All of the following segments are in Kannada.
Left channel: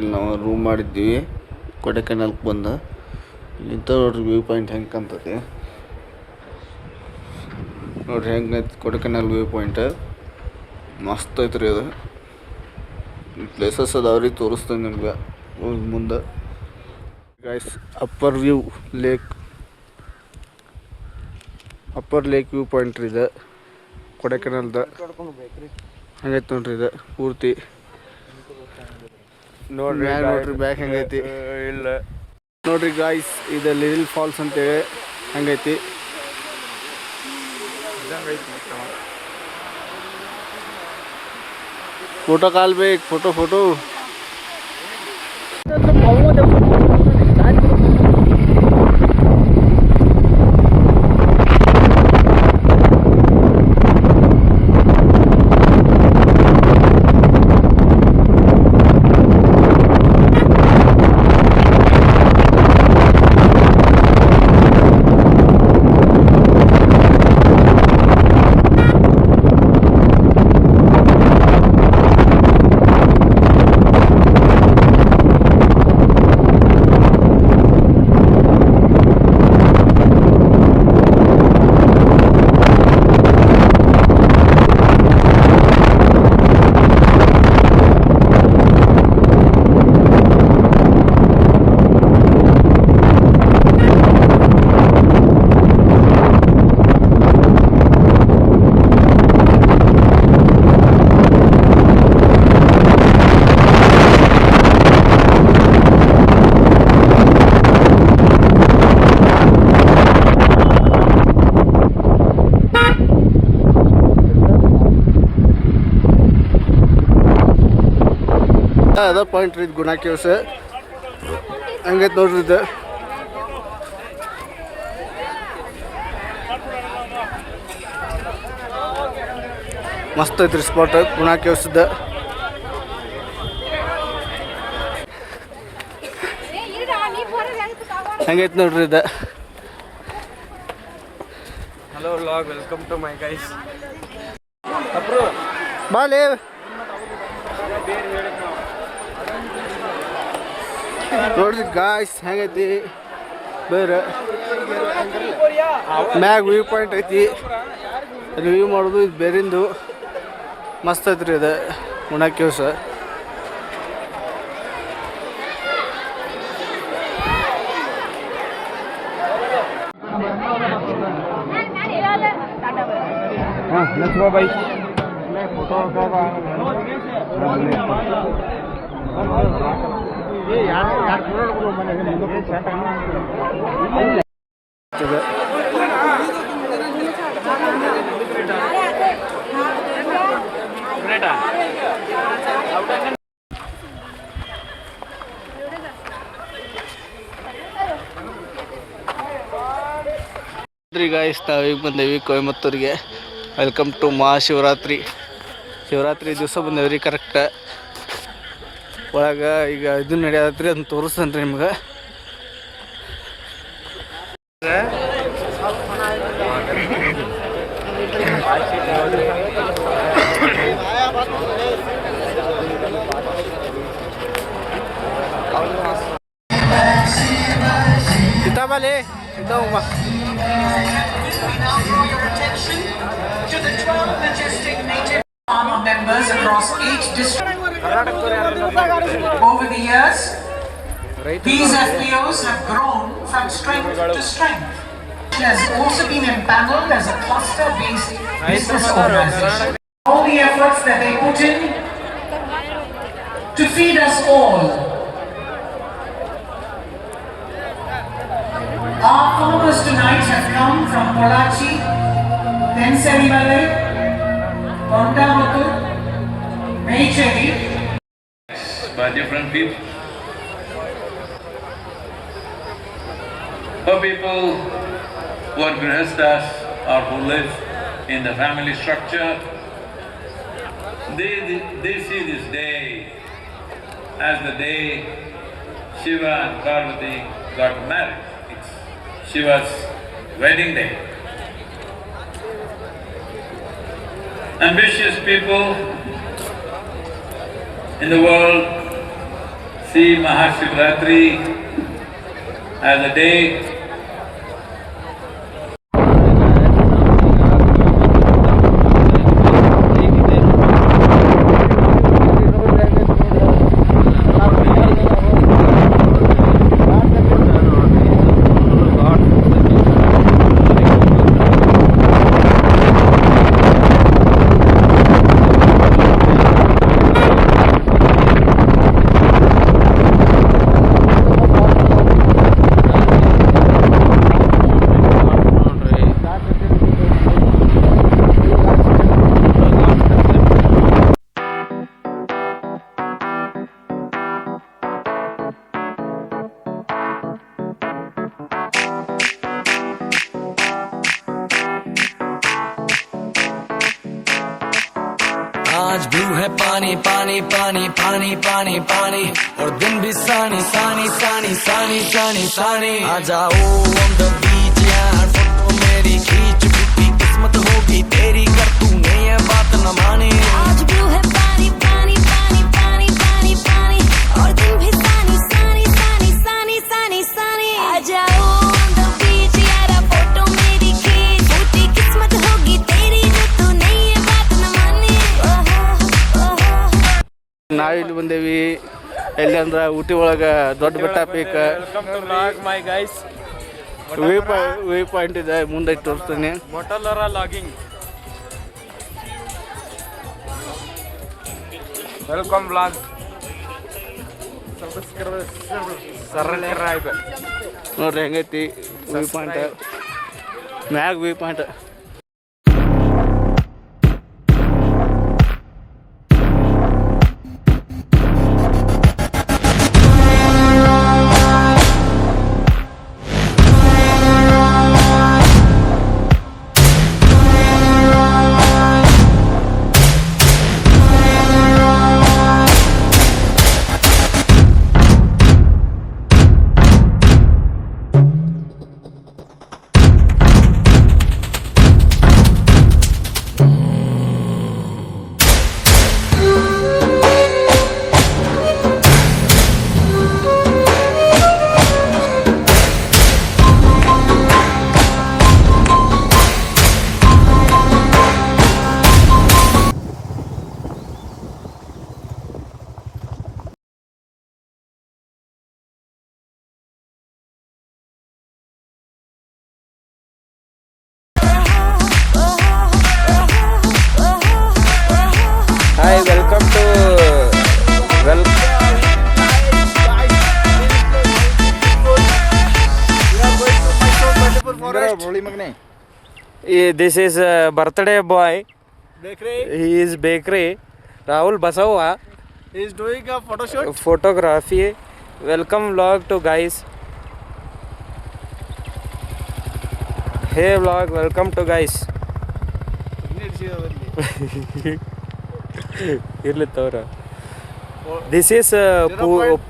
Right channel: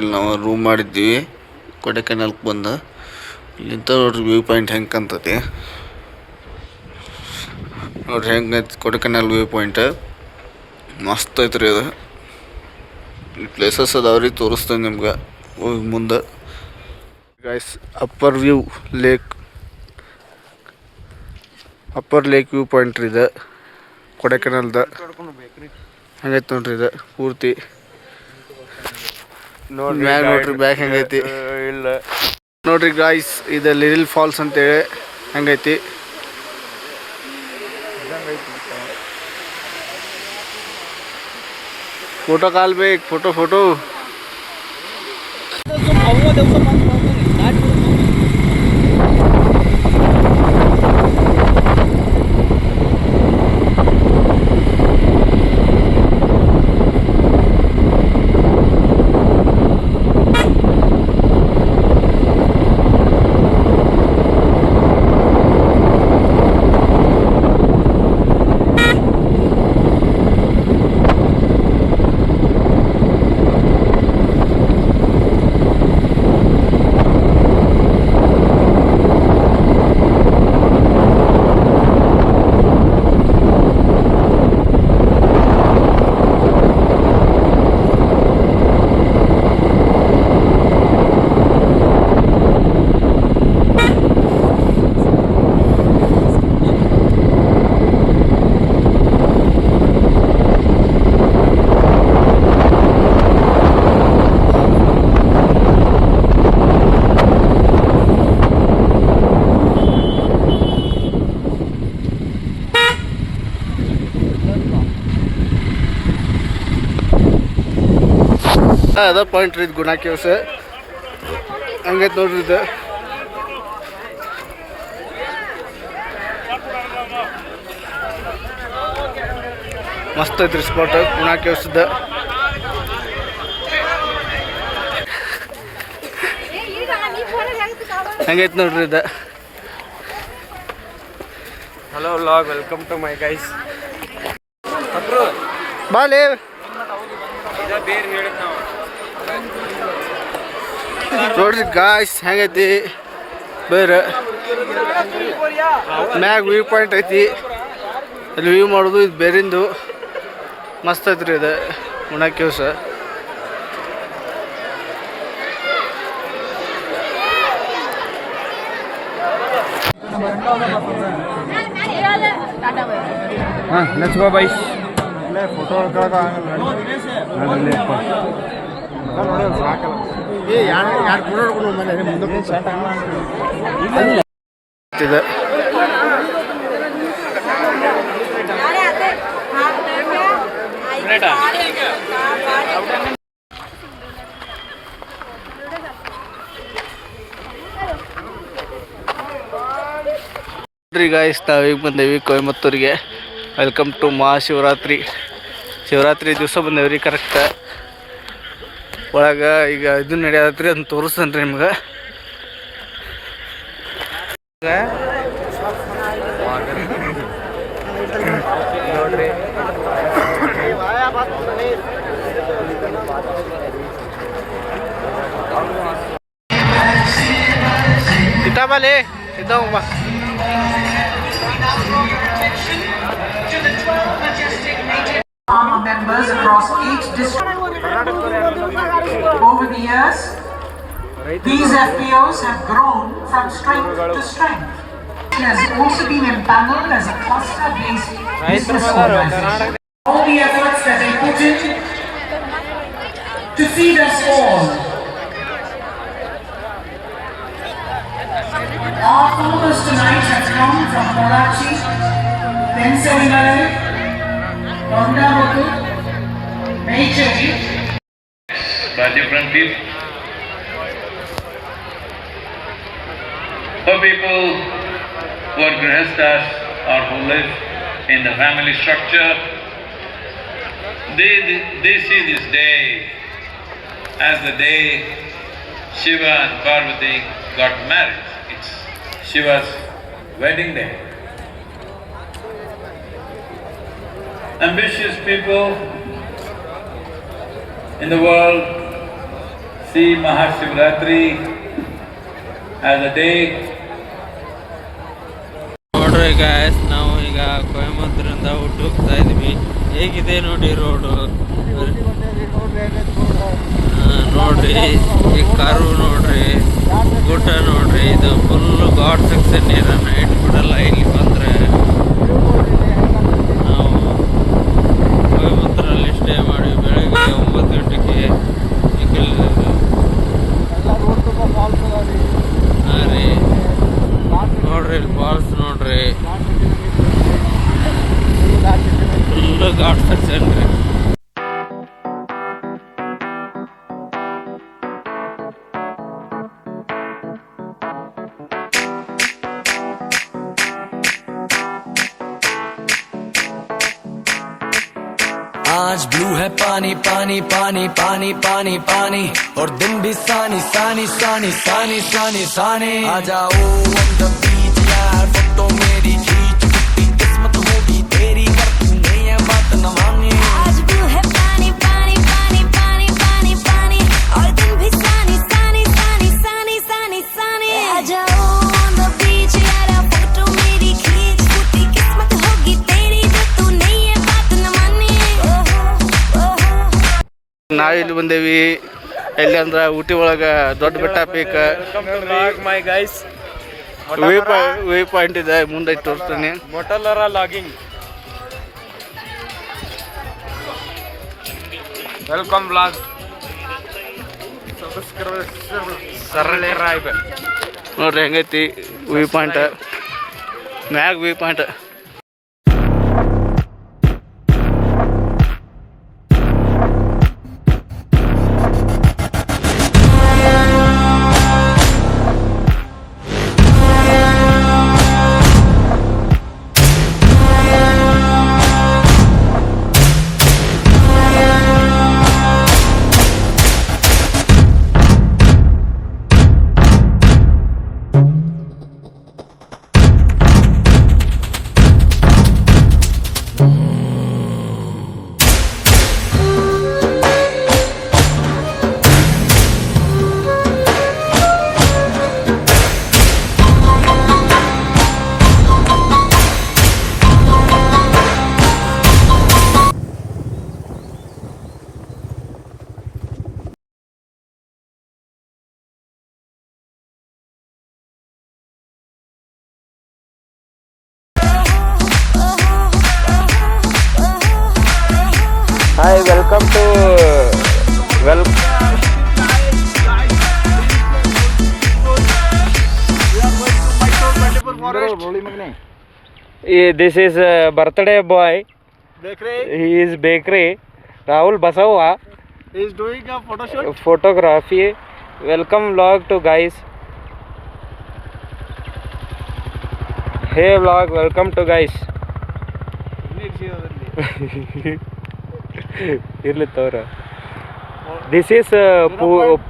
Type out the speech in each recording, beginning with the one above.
ಇಲ್ಲಿ ನಾವು ರೂಮ್ ಮಾಡಿದ್ದೀವಿ ಕೊಡೆಕೆನಾಲ್ಗೆ ಬಂದು. ಇಲ್ಲಿಂದ ನೋಡ್ರಿ ವ್ಯೂ ಪಾಯಿಂಟ್ ಹೆಂಗೆ ಕಾಣ್ತೈತಿ ನೋಡ್ರಿ, ಹೆಂಗೈತಿ ಕೊಡೆಕೆನಾಲ್ ವ್ಯೂ ಪಾಯಿಂಟ್. ಮಸ್ತ್ ಐತ್ರಿ ಅದು. ಈ ಪ್ಲೇಸಸ್ ಅದಾವ್ರಿ, ತೋರಿಸ್ತೇನೆ ನಿಮ್ಗೆ ಮುಂದೆ. Guys, upper lake view point ರೀ ಇದು ಕೊಡೆಕೆನಾಲ್ದ. ಹಂಗೈತಿ ನೋಡ್ರಿ ಇದು ಪೂರ್ತಿ. ಮ್ಯಾಗ ನೋಡ್ರಿ ಬ್ಯಾಕ್ ಹೆಂಗೈತಿ ನೋಡ್ರಿ ಗಾಯ್ಸ್. ಇದು ಲಿಟಲ್ ಫಾಲ್ಸ್ ಅಂತೇಳಿ ಹಂಗೈತಿ. फोटो काल बे फोटो ಅದ ಪಾಯಿಂಟ್ ರೀ ಗುಣಾ ಕೇವ್ಸ್. ಹಂಗೈತೆ ನೋಡ್ರಿ ಇದು. ಮಸ್ತ್ ಐತ್ರಿ ಸ್ಪಾಟ್ ಗುಣಾ ಕೇವ್ಸ್ದ. ಹಂಗೈತೆ ನೋಡ್ರಿ ಇದು. Hello vlog, welcome to my guys. ಬಾಲೆ ನೋಡ್ರಿ ಗಾಯ್ಸ್ ಹೆಂಗೈತಿ ಬೇರೆ. ಮ್ಯಾಗ ವ್ಯೂ ಪಾಯಿಂಟ್ ಐತಿ, ಅಲ್ಲಿ ವ್ಯೂ ಮಾಡೋದು ಇದು ಬೇರಿಂದು. ಮಸ್ತ್ ಐತ್ರಿ ಇದು Guna caves. Let's go boys. Guys, ನಾವೀಗ ಬಂದೇವಿ ಕೊಯಮತ್ತೂರಿಗೆ. Welcome to Mahashivratri. ಶಿವರಾತ್ರಿ ದಿವಸ ಬಂದೇವ್ರಿ ಕರೆಕ್ಟ್. ಒಳಗೆ ಈಗ ಇದು ನಡೆಯತ್ರಿ, ಅದನ್ನ ತೋರಿಸ್ತೇನೆ ರೀ ನಿಮ್ಗೆ. ಕಿತಾಬಲ್ಲಿ ಕಿತಾಬ members across each district. Over the years, these FPOs have grown from strength to strength. It has also been empaneled as a cluster-based business organization. All the efforts that they put in to feed us all. Our farmers tonight have come from Pollachi, Pensarivale, Ondamuttu, Meicheri. By different people. For people who are grihasthas or who live in the family structure, they see this day as the day Shiva and Parvati got married. It's Shiva's wedding day. Ambitious people in the world see Mahashivratri as a day. ನೋಡ್ರಿ ಗಾಯ್ಸ್, ನಾವು ಈಗ ಕೊಯಮತ್ತೂರಿಂದ ಹೋಗ್ತಾ ಇದ್ವಿ. ಹೇಗಿದೆ ನೋಡಿ ರೋಡ್. ನೋಡ್ರಿ ಈ ಕಾರು ನೋಡ್ರಿ, ಊಟ ನೋಡ್ರಿ. ಇದು ಫುಲ್ಲು ಘಾಟ್ ಸೆಕ್ಷನ್ ಇದೆ. ನೈಟ್ ಮಾಡಲ್ಲ ಇಲ್ಲಿ ಬಂದರೆ. ಕೊಯಮತ್ತೂರಲ್ಲಿ ಸ್ಟೇ ಮಾಡಿ ಬೆಳಿಗ್ಗೆ 9 ಗಂಟೆಗೆ ಹಾಂ ರೀ. ನೋಡ್ರಿ ಫಾಲ್ಸ್ ನೋಡ್ರಿ, ಫುಲ್ಲು ಘಾಟ್ ಸೆಕ್ಷನ್ ರೀ. आज ब्लू है पानी पानी पानी पानी पानी पानी और तुम भी सानी सानी सानी सानी सानी सानी आ जाओ on the beach यार, फोटो मेरी खींच, कितनी किस्मत होगी तेरी कर तूने ये बात न मानी. आज ब्लू है पानी पानी पानी पानी पानी पानी और तुम भी सानी सानी सानी सानी सानी सानी आ जाओ on the beach यार, फोटो मेरी खींच, कितनी किस्मत होगी तेरी कर तूने ये बात न मानी. ನಾವಿಲ್ಲಿ ಬಂದೇವಿ ಎಲ್ಲಿ ಅಂದ್ರೆ ಊಟಿ ಒಳಗೆ ದೊಡ್ಡ ಬೆಟ್ಟ peak my guys, view point ಇದೆ, ಮುಂದೆ ತೋರಿಸ್ತೀನಿ. ಮೊಟಲರ ಲಾಗಿಂಗ್. Welcome vlog. ಸರಳರಾಯ್ ನೋಡ್ರಿ ಹೆಂಗೈತಿ ವ್ಯೂ ಪಾಯಿಂಟ್, ಮ್ಯಾಗ view point. Hi, welcome to This is birthday boy. He is bakery. Rahul Basawa. He is doing a photo shoot. Photography. Welcome vlog to guys. Hey vlog, welcome to guys. ಇರ್ಲಿ ತೋರ. This is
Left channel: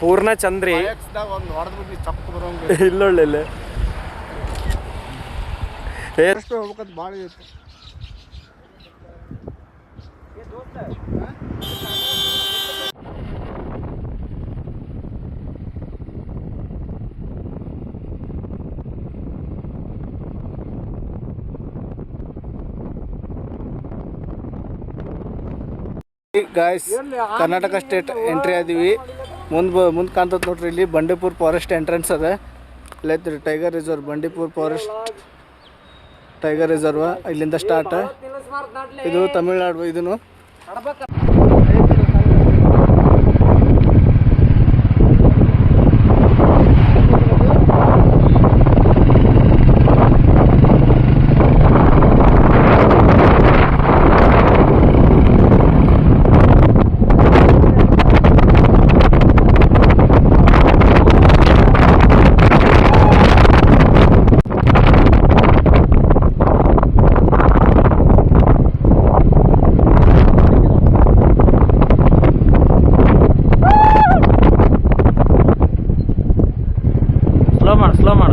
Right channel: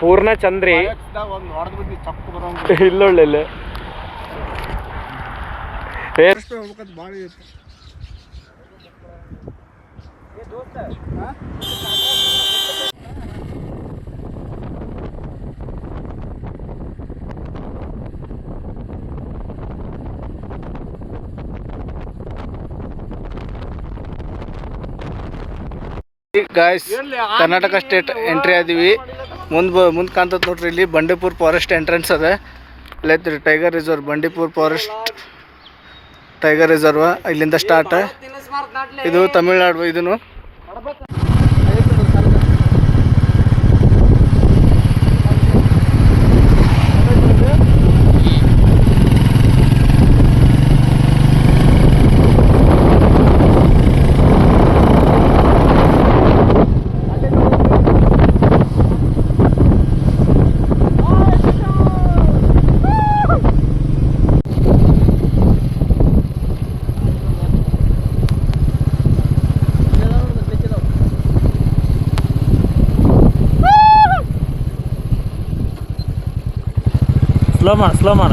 Poorna Chandri. ಇಲ್ಲೊಳ್ಳೆ ಗಾಯ್ಸ್, ಕರ್ನಾಟಕ ಸ್ಟೇಟ್ ಎಂಟ್ರಿ ಆದೀವಿ. ಮುಂದೆ ಕಾಣ್ತದೆ ನೋಡ್ರಿ, ಇಲ್ಲಿ ಬಂಡೀಪುರ ಫಾರೆಸ್ಟ್ ಎಂಟ್ರೆನ್ಸ್ ಅದ. ಇಲ್ಲೈತ್ರಿ tiger reserve, Bandipur forest tiger reserve. ಇಲ್ಲಿಂದ ಸ್ಟಾರ್ಟ್. ಇದು ತಮಿಳ್ನಾಡು. ಇದನ್ನು ಸ್ಲೋ ಮಾಡ.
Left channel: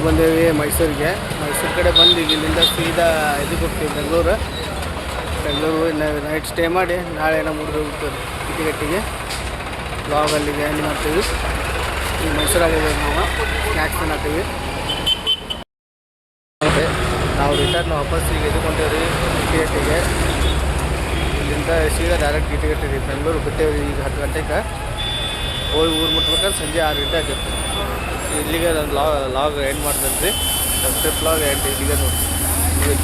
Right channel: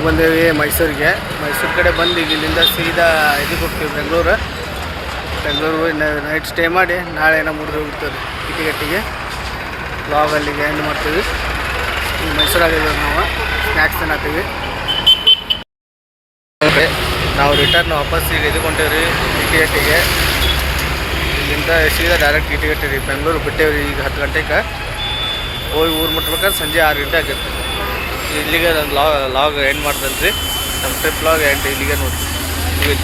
ಊರಿಗೆ ಬಂದೇವಿ ಮೈಸೂರಿಗೆ. ಮೈಸೂರು ಕಡೆ ಬಂದು ಈಗ ಇಲ್ಲಿಂದ ಸೀದಾ ಇದಕ್ಕೆ ಹೋಗ್ತೀವಿ ಬೆಂಗಳೂರು ನೈಟ್ ಸ್ಟೇ ಮಾಡಿ ನಾಳೆ ಏನೋ ಮೂರು ಹೋಗ್ತೀವಿ ಕಿಟಿಗಟ್ಟಿಗೆ. ಬ್ಲಾಗ್ ಅಲ್ಲಿಗೆ ಎಂಡ್ ಮಾಡ್ತೀವಿ. ಈಗ ಮೈಸೂರಾಗಿದ್ದೀವಿ ನಾವು ಸ್ನ್ಯಾಕ್ಸ್ ತಿನ್ನತ್ತೀವಿ. ನಾವು ರಿಟರ್ನ್ ವಾಪಸ್ ಈಗ ಇದಕ್ಕೊಂಡೇವ್ರಿ ಕಿಟಿಗಟ್ಟಿಗೆ. ಇಲ್ಲಿಂದ ಸೀದಾ ಡೈರೆಕ್ಟ್ ಕಿಟಿಗಟ್ಟಿ ರೀ ಬೆಂಗಳೂರು ಬಿಟ್ಟೇವ್ರಿ ಈಗ 10 ಗಂಟೆಗೆ. ಹೋಗಿ ಊರು ಮುಟ್ಬೇಕಾದ್ರೆ ಸಂಜೆ 6 ಗಂಟೆ ಆಗೈತೆ. ಇಲ್ಲಿಗೆ ನಾನು ಲಾಗ್ ಎಂಡ್ ಮಾಡ್ತೇನೆ ರೀ. ನಮ್ಮ ಟ್ರಿಪ್ ಲಾಗ್ ಎಂಡ್ ಇಲ್ಲಿಗೆ ನೋಡಿರಿ.